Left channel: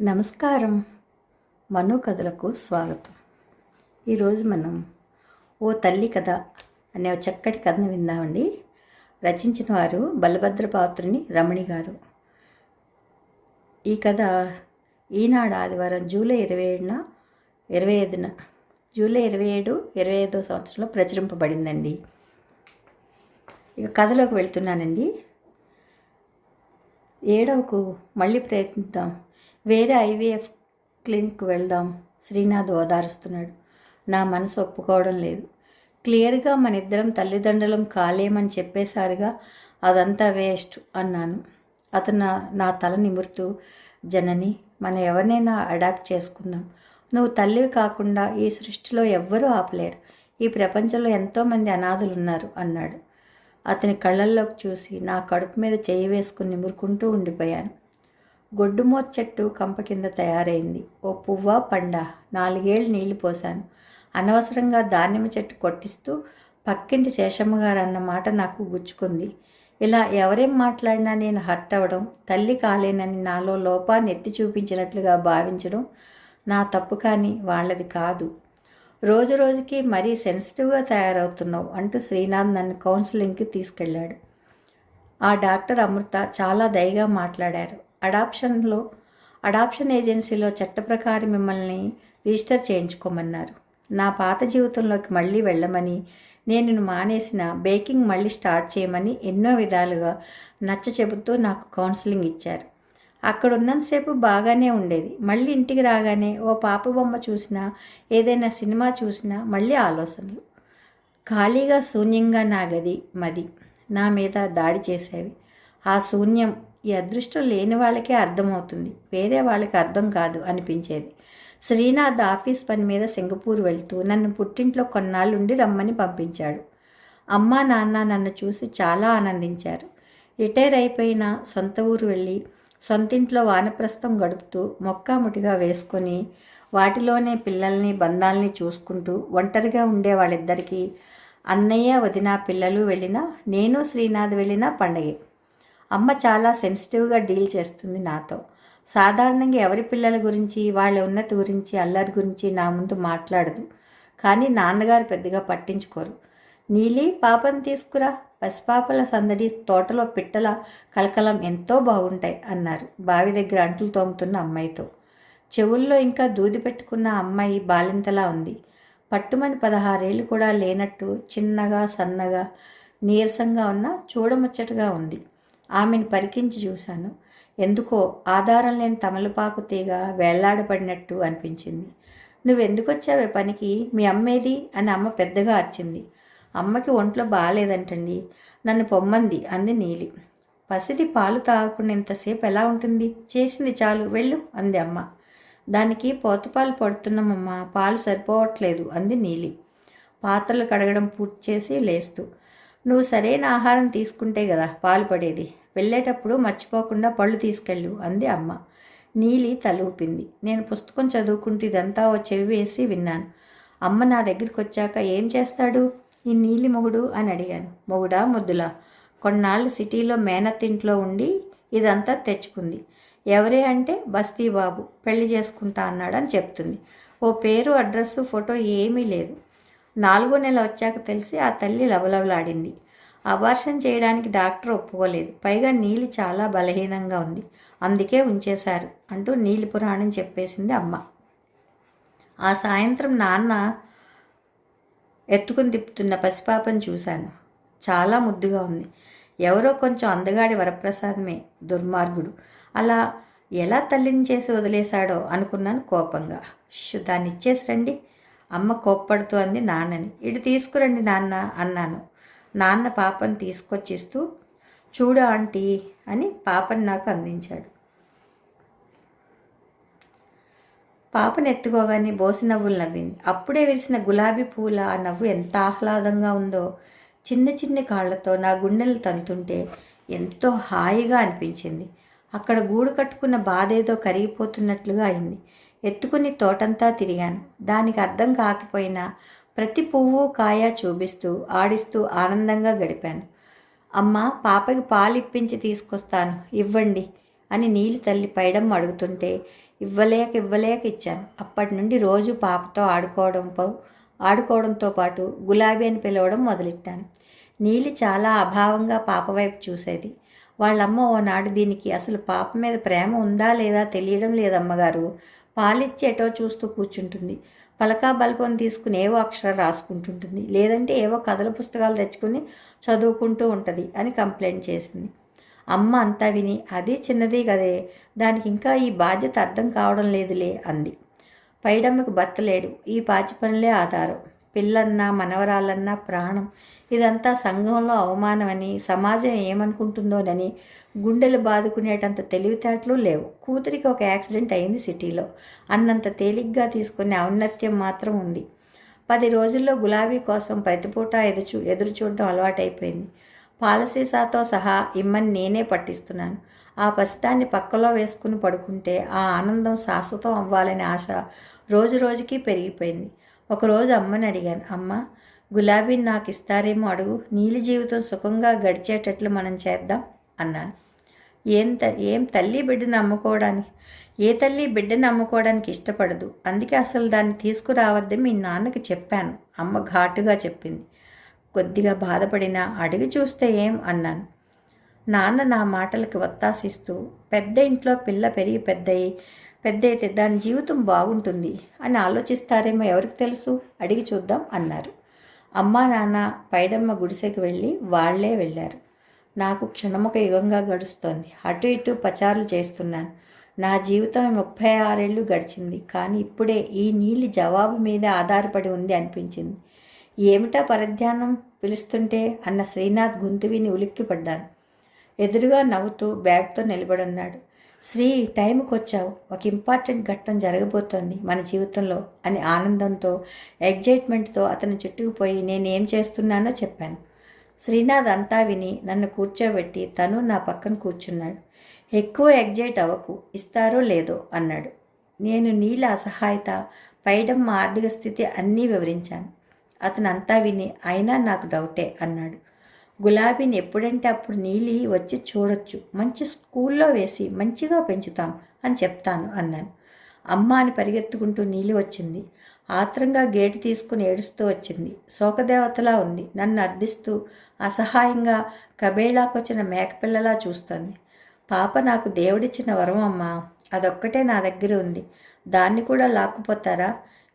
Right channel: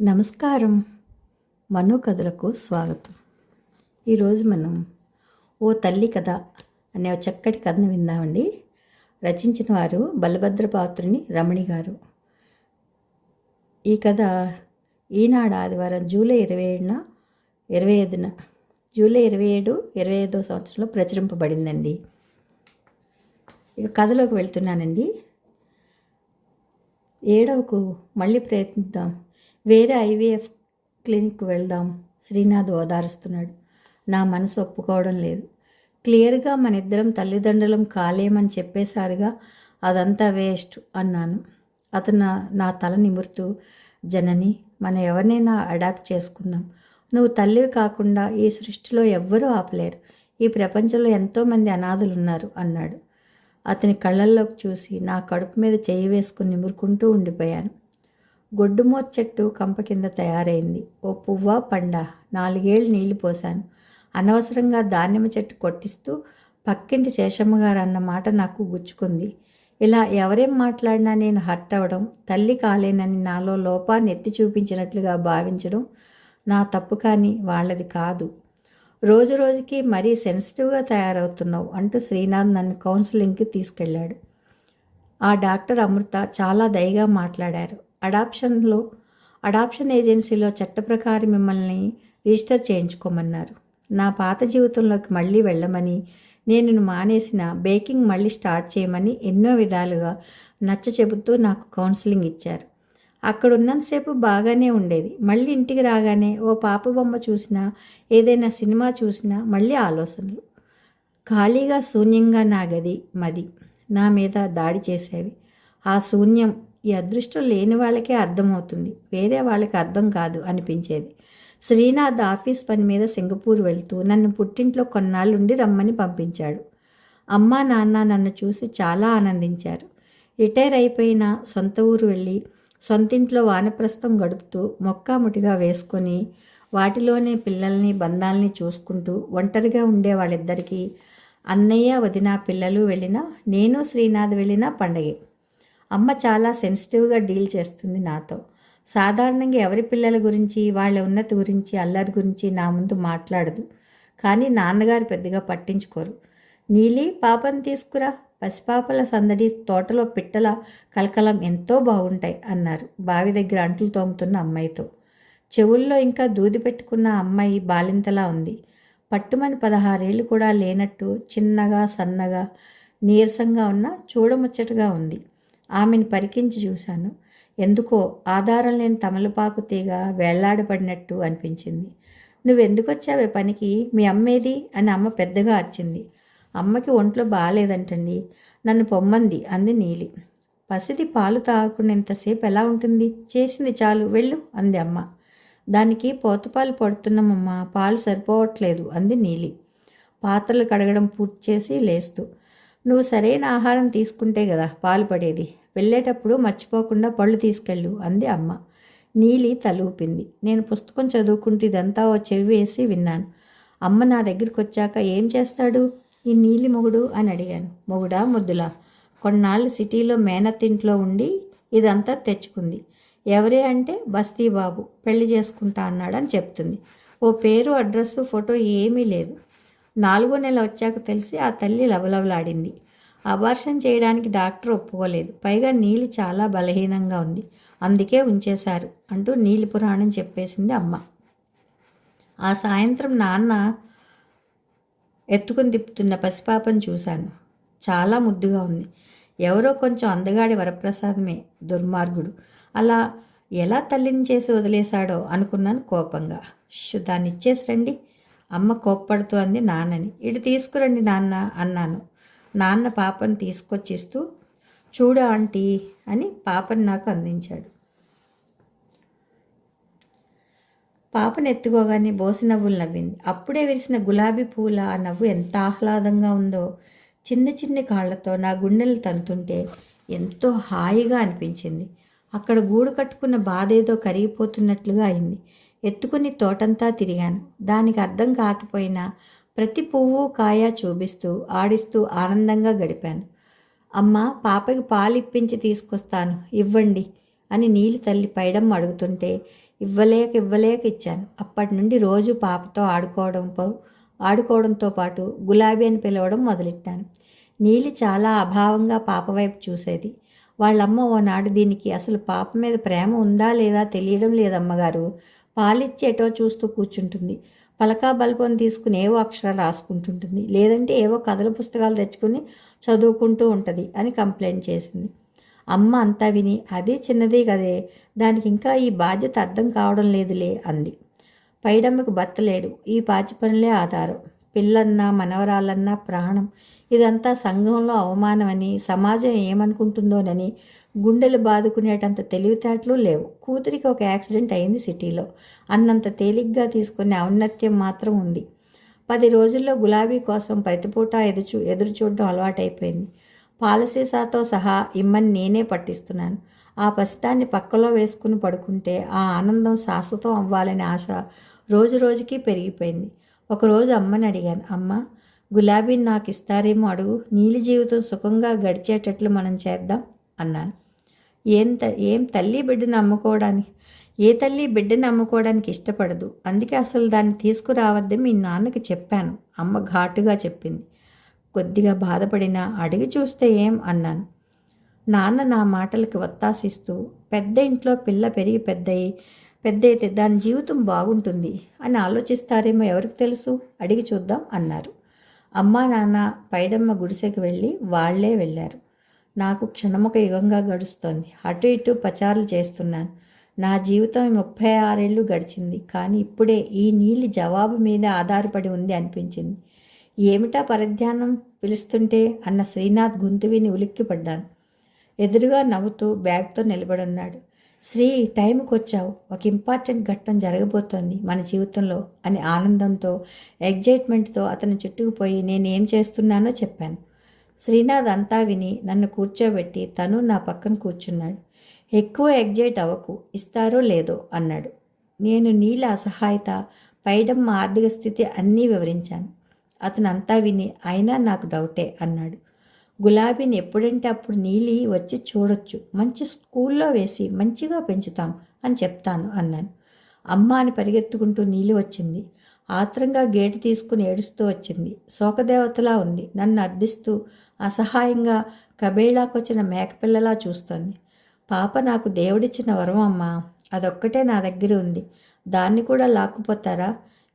నమస్కారం. మను కథలకు స్వాగతం. ఈరోజు మనం ఓ తల్లి కథ అనే ఒక చక్కటి కథను విందామండి. రచించిన వారు బలభద్రపాత్రుని రమణి గారు. ఈ కథ ఈనాడు ఆదివారం జూలై 27 సంవత్సరంలో ప్రచురింపబడిందండి. ఇక కథలోకి వెళ్తున్నానండి. ఏడవకు, మళ్ళీ ప్రయత్నిద్దాం, వేరే ఐవీఎఫ్ క్లినిక్ వెళ్దాం, శ్రీనాథ్ ఓదారుస్తున్నాడు. నా మనసు ఒప్పుకోవడం లేదు. క్లియర్గా మన ఇద్దరం తల్లిదండ్రులం కాలేమని చెప్పేశారుగా, అదంతా వేస్ట్ అన్నాను. అతను నా తల నిమురుతూ, జనని, మనం ఎవరినైనా అడాప్ట్ చేసుకుందాం. నువ్వు తల్లివి కాకుండా ఈ సృష్టిలో ఎవ్వరూ ఆపలేరు. ఈ ప్రపంచంలో ఎంతోమంది అనాథులు ఉన్నారు అన్నాడు. అతని కళ్ళల్లోకి చూసి నా కడుపు మీద చేయి వేసుకుని నిమురుకుంటూ ఉండిపోయాను. గొడ్డుమోత చెట్టు కంప కింద తయారైంది. ఓ పువ్వా పండా 4 ఏళ్ళు నీళ్లు పోశాను. అనవసరంగా దానిమ్మ చెట్టు కొట్టిస్తూ పక్కింటి శేషమ్మగారు అన్న మాట నాకు గుచ్చుకుంది. ఇలా ఎవరేం మాట్లాడినా నేను హర్ట్ అవ్వడం, తల్లి కాలేనని నాలో లోపాన్ని ఎత్తి చూపించినట్లుగా భావించడం నా తప్పు, కానీ వాళ్ళది కాదు. రోజు రోజుకి మరీ సెన్సిటివ్గా తయారవుతున్నావు అంటూ శ్రీనాథ్ నన్ను కౌన్సిలింగ్కి తీసుకెళ్ళాడు. ఆ డాక్టర్ అమృత చాలా దయగా మాట్లాడారు. అడాప్షన్ ఏజెన్సీలో చట్ట ప్రకారం మిమ్మల్ని రిజిస్టర్ చేయించుకోమన్నారు. నా పాత జీవితంలోకి మళ్ళీ వెళ్ళమని, నేను మానేసిన బేకింగ్ మళ్ళీ స్టార్ట్ చేయమని ఎన్నో విధాలుగా నచ్చ చెబుతూ నాకు కౌన్సిలింగ్ ఇచ్చారు. అక్కడ ఉన్నంతసేపు బాగానే ఉండేది. మళ్ళీ ఇంటికి రాగానే ఓ పాప బొమ్మ చూసినా, ఏదైనా సినిమా చూసినా మళ్ళీ ఆలోచనలు. ఖాళీగా శూన్యంగా నా మది నా మీద దాడి చేసేవి. ఆ శూన్యం ఈ అదృష్టం లేని వాళ్ళకే అర్థమవుతుంది, వేరే వాళ్ళకి అర్థం కాదు అనిపించేది. శ్రీనాథ్ ఆఫీస్ పని మీద సింగపూర్ వెళ్తూ నన్ను పుట్టింట్లో కొన్నాళ్ళుండి రమ్మని పంపించాడు. అమ్మా నాన్న నన్ను చూసి చాలా ఆనందించారు. రిటైర్ అయిపోయిన సొంత ఊరు వెళ్ళి సొంతింట్లో వానప్రస్థం గడుపుతూ మొక్కాముటిగా వేసుకొని వాటిలోనే పిల్లల్ని బంధాలని చూసుకుంటూ ఒంటరిగా ఉండే వాళ్ళిద్దరికీ అన్నయ్య వదిన పిల్లలు వెళ్ళినా, నేను శ్రీనాథ్ వెళ్ళినా పండగే. అమ్మ చాలా సెన్సిటివ్గా డీల్ చేస్తుంది నాతో. సాధారణంగా ఎవరి పిల్లల గురించి, వాళ్ళ ఉన్నతి గురించి, అల్లరి గురించి నా ముందు మాట్లాడదు. కానీ నాన్నగారు పెద్దగా పట్టించుకోరు. నీలి, పాపని తీసుకురా, పసిపాపల సందడి, తోటలో పిట్టల కలకలం ఎంతో బాగుంటాయి అన్నారు బావి దగ్గర అంట్లు తోముతున్న అమ్మాయితో. చెవుల్లో ఇంకా దూది పెట్టుకున్న అమ్మాయి బాలింతలా ఉంది. పట్టుమని 16 ఏళ్ళు కూడా లేనట్టు చిన్నగా, సన్నగా, నీరసంగా ఉన్న చూడముచ్చటగా ఉంది. ఆమెను పరికించి చూశాను. ఎందుకో ఆధారం లేని తమలపాకు తీగ వేళ్లాడపడినట్టు అనిపించింది. నువ్వెందుకు వచ్చావే పనికి, మీ అమ్మేది అని అమ్మ పెద్దగా అరిచింది. అమ్మకి ఒంట్లో బాగాలేదంటండి, నన్ను పొమ్మంది అంది నీలి. పసిది పాలు తాగకుండా ఇంతసేపు ఎలా ఉంటుంది, చేసింది చాలు వెళ్ళు అంది అమ్మ. దానికి పోతపాలు పడుతున్నామమ్మా, పాలు సరిపోవట్లేదు అంది నీలి పాత్రలు కడగడం పూర్తి చేసి లేస్తూ. నువ్వు సరైన ఆహారం తీసుకుంటే కదా పాలు పడేది, వెళ్ళేటప్పుడు మర్చిపోకుండా పళ్ళు తీసుకెళ్ళు అంది అమ్మ. నీలి తల ఊపింది. నేను పుస్తకం చదువుకుంటూ ఇదంతా ఓ చెవి వేసి విన్నాను. అమ్మ నా దగ్గరికి వచ్చాక ఏం చేస్తాడు ఈ నీలి మొగుడు అని అడిగాను. మొగుడా ముద్దులా? కొన్నాళ్ళు సిటీలో మేనత్తింట్లో ఉండి ఇదంతా తెచ్చుకుంది. ఎవరే అంటే బస్తీ బాబు, పెళ్లి చేసుకుంటా అన్నాడని చెప్తుంది. ఓ పేరు, అడ్రస్సు, ఫోటో ఏమీ లేదు. 4వ నెల వచ్చాక తెలిసి ఆ తల్లి లవలవలాడింది. అబార్షన్ చేయడానికి డాక్టర్ ఒప్పుకోలేదు. పైగా నీలి చాలా బలహీనంగా ఉంది, అందుకే ఉంచేశారు అంటూ నీలి పురాణం చెప్పేసింది అమ్మ. ఆ సాయంత్రం నాన్న ఎత్తుకుని తిప్పుతున్న పసిపాపను చూశాను. చాలా ముద్దుగా ఉంది. ఎవరో కొంచెం అందగాడి వరప్రసాదమే, దుర్మార్గుడు. అలా ఎలా తల్లిని చేసి వదిలేశాడో అనుకున్నాను కోపంగా. దాన్ని ఇచ్చేసి రండి అమ్మ కోప్పడుతూ అంది నాన్నని. ఇటు తీసుకురండి నాన్న అన్నాను. నాన్న పాపను తీసుకొచ్చిస్తూ, చూడు ఆంటీ అని పాపని నాకు అందించాడు. పాపను ఎత్తుకోగానే బోసి నవ్వులు నవ్వింది. అప్పుడే విరిసిన గులాబీ పూల ఆ నవ్వు ఎంత ఆహ్లాదంగా ఉందో. చిన్న చిన్ని కాళ్లతో నా గుండెలు తంతుంటే ఎంతో హాయిగా అనిపించింది. అక్కడ గూడు కట్టుకున్న బాధ ఏదో కరిగిపోతున్నట్లుగా అయింది. ఎత్తుకుని తోటంతా తిరిగాను. దానికి అర్థం కాకపోయినా ప్రతి పువ్వు కాయ చూపిస్తూ ఆడిస్తూ ఆనందంగా గడిపాను. అమ్మ, పాపకి పాలు ఇప్పించి తీసుకొస్తాను, ఇవ్వండి అని నీలి తల్లి పైడమ్మ అడుగుతుంటే ఇవ్వలేక ఇచ్చాను. అప్పటి నుండి రోజు పాపతో ఆడుకోవడంతో పాటు గులాబీ అని పిలవడం మొదలెట్టాను. నీలి చాలా అభావంగా పాప వైపు చూసేది. వాళ్ళమ్మ ఓనాడు దీనికి అసలు పాప మీద ప్రేమ ఉందా లేదా తెలియడం లేదమ్మగారు. పాలిచ్చేటో చూస్తూ కూర్చుంటుంది. పలకా బల్పం తీసుకుని ఏవో అక్షరాలు రాసుకుంటుంటుంది, లేదంటే ఏవో కథల పుస్తకాలు తెచ్చుకుని చదువుకుంటూ ఉంటుంది అని కంప్లైంట్ చేసింది. అమ్మ అంతా విని అదే చిన్నదే కదే, దానికి ఇంకా ఈ బాధ్యత అర్థం కావడం లేదులే అంది. పైడమ్మకు భర్త లేడు, ఈ పాచి పనులే ఆధారం. పిల్లన్నా మనవరాలన్నా ప్రాణం. ఇదంతా సంఘంలో అవమానమని, సమాజం ఏమనుకుంటుందోనని గుండెలు బాదుకునేటంత తెలివితేటలు లేవు. కూతురికి ఒక యాక్సిడెంట్ అయింది సిటీలో, అన్నంత తేలిగ్గా తీసుకునే ఔన్నత్యం మాత్రం ఉంది. 10 రోజుల్లో గులాబీ కోసం ప్రతిపూట ఎదురు చూడడం అలవాటైపోయింది. పాలసీసాతో సహా ఇమ్మని నేనే పట్టిస్తున్నాను. ఆ పసిదాన్ని పక్కలో వేసుకుని పడుకుంటే ఆ ఆనందం శాశ్వతం అవ్వాలనే ఆశ రోజు రోజుకి పెరిగిపోయింది. ఒకరోజు అమ్మని అడిగాను, అమ్మ, గులాబీని నాకు ఇస్తారేమో అడుగు, నీలి జీవితం సుఖంగా గడిచేటట్లు మనం చేద్దాం అన్నాను. ఏం తల్లి బిడ్డను అమ్ముకోవడానికి ఏ తల్లి బిడ్డను అమ్ముకోవడానికి ఇష్టపడదు, అందుకే అసలు దాన్ని తీసుకురావద్దని మీ నాన్నకి చెప్పాను, అమ్మ ఘాటుగా చెప్పింది. కొద్దిగా బాధపడినా అడిగి చూస్తే ఏం అన్నాను. నాన్న నా మాటలకి ఒత్తాసిస్తూ, పెద్ద ఇంట్లో పిల్ల పెరిగి పెద్దయితే దాని జీవితం బాగుంటుంది అని ఆలోచిస్తారేమో ఎవరికి తెలుసు, అడిగి చూద్దాం అన్నారు. అమ్మా నాన్న పైడమ్మ గుడిసెకి వాళ్లే వెళ్ళారు. నాకు క్షణమొక యుగంగా గడుస్తోంది. అటు ఇటు పచారులు చేస్తున్నాను. నా జీవితం 36 ఏళ్ళు గడిచింది. కానీ ఇప్పుడే ఈ నీలి జవాబు మీద ఆధారపడి ఉంది అనిపించింది. ఏమిటా పరధ్యానం పిలుస్తుంటే అన్న శ్రీనాథ్ గొంతు విని ఉలిక్కిపడ్డాను. ఎదురుగా నవ్వుతూ బ్యాగ్తో నిలబడున్నాడు. శ్రీ, టైంకి వచ్చావు, ఒక ఇంపార్టెంట్ ఘట్టం జరగబోతోంది మన జీవితంలో అని ఆనందంతో, ఎగ్జైట్మెంట్తో అతను చుట్టుకుపోయి నేనేం చేస్తున్నానో చెప్పాను. శ్రీనాథ్ అంతా విని నన్ను కూర్చోబెట్టి తను నా పక్కన కూర్చున్నాడు. ఎక్కువ ఎగ్జైట్ అవ్వకు, ఇస్తారో లేదో అన్నాడు. నేను నీళ్ళ అసహాయత, పైడమ్మ ఆర్థిక స్థితి అన్నీ వివరించాను. అతను అంతా విని అయినా నాకు డౌటే అన్నాడు. గులాబీని ఎప్పుడంటే అప్పుడు నీలి వచ్చి చూడొచ్చు, మంచి స్కూల్లో వేసి మంచిగా పెంచుతాం అని చెప్తాను అన్నాను. అమ్మ అని పరిగెత్తుకుంటూ నీలి వచ్చింది. ఆత్రంగా గేటు తీసుకుని ఏడుస్తూ వచ్చింది. శోకదేవతలా ఉంది. నన్ను అర్థిస్తూ అసహాయంగా కబేళాకొచ్చిన మేకపిల్లలా చూస్తోంది. పాప నాకు దేవుడిచ్చిన వరం అమ్మా, అదొక్కటే నా దగ్గర ఉంది, దాన్ని కూడా లాక్కుపోతారా?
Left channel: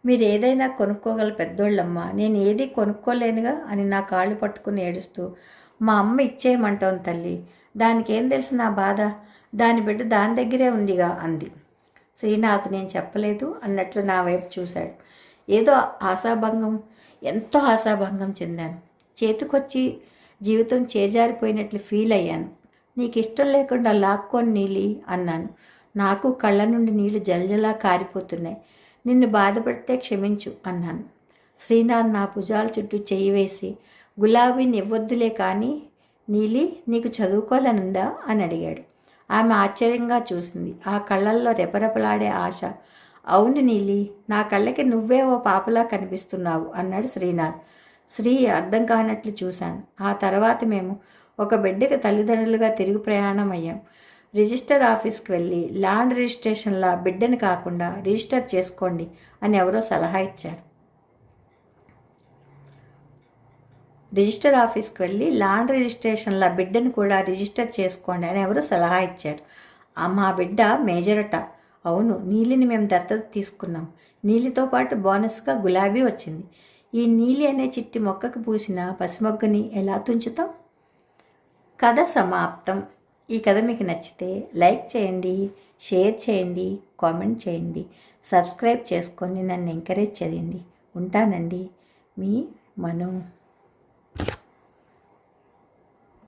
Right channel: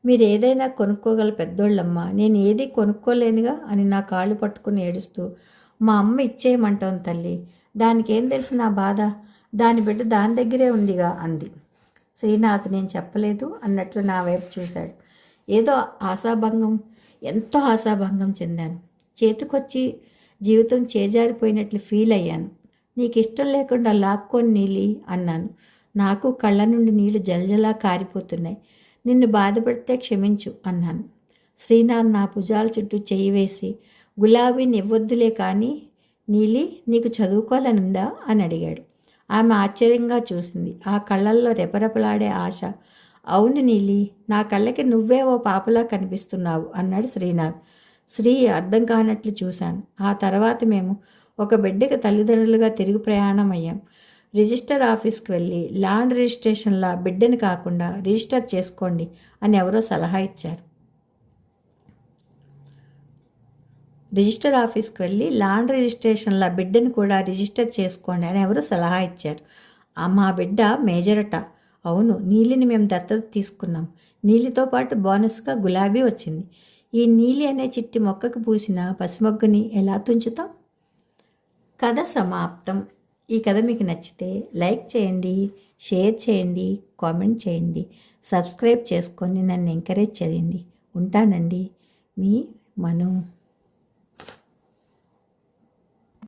మీరు ఏదైనా కొనుక్కోగల పెద్దోళ్ళమ్మా, నేను ఏది కొనుక్కోలేనుగా అని నా కాళ్ళు పట్టుకుని ఏడుస్తూ, మా అమ్మ ఇచ్చేయమంటోంది తల్లి, దానికేం తెలుసు నా బాధ, దాని బిడ్డ దాని దగ్గరే ఉందిగా అంది. శ్రీనాథ్ నేను చెప్పలేదు అన్నట్లు నా వైపు చూశాడు. ఏదో ఎంతో ఆశాభంగం చెందాను. చేతికొచ్చి జీవితం చేజారిపోయినట్లు ఫీల్ అయ్యాను. నీకు ఇష్టం లేకుండా లాక్కొని నీలి అన్నాను. నాకు కళ్ళ నుండి నీళ్లు జలజలా కారిపోతున్నాయి. నిన్ను బాధపడితే క్షమించు అన్నాను. శ్రీనాథ్ నా భుజాల చుట్టూ చెయ్యి వేసి, గులాబీని ఇవ్వొద్దులే కానీ నీలి, నీకు చదువుకోవాలనుందా అని అడిగాడు. ఆమె ఆశ్చర్యంగా చూసింది. ఆ కళ్ళల్లో రెపరెపలాడే ఆశ. అవును నీలి, నా కళ్ళకి నువ్వే ఓ పాపలా కనిపిస్తున్నావు అన్నాడు శ్రీనాథ్. శ్రీ అర్థం కానట్లు చూశాను. ఆ తర్వాత మేము ఒక బిడ్డకి తల్లిదండ్రులుగా తిరిగి ప్రయాణం అయ్యాం. రిజిస్టర్ ఆఫీస్కి వెళ్ళి ల్యాండ్ రిజిస్ట్రేషన్లా బిడ్డని కాకుండా రిజిస్టర్ చేసుకోండి అని ఎవరో సలహా ఇచ్చారు. రిజిస్టర్ ఆఫీస్కి వెళ్ళి ల్యాండ్ రిజిస్ట్రేషన్లా బిడ్డను కూడా రిజిస్టర్ చేసుకోండి అని ఎవరో సలహా ఇచ్చారు. మా బిడ్డ మేజరట. అవును, నీలిని మేము దత్తత తీసుకున్నాం. నీలితో పాటు బోనస్గా గులాబీ వచ్చింది. ఈ నీలి అనే చిట్టి మొక్కకు పూసిన పసిమొగ్గని ఎలా తుంచుతాం? కథ సమాప్తం. ఈ కథ మీకు నచ్చితే లైక్ చేయండి, షేర్ చేయండి, కామెంట్ చేయండి, సబ్స్క్రైబ్ చేసుకొని నన్ను ఎంకరేజ్ చేయండి. ఉంటానండి, మీ మను.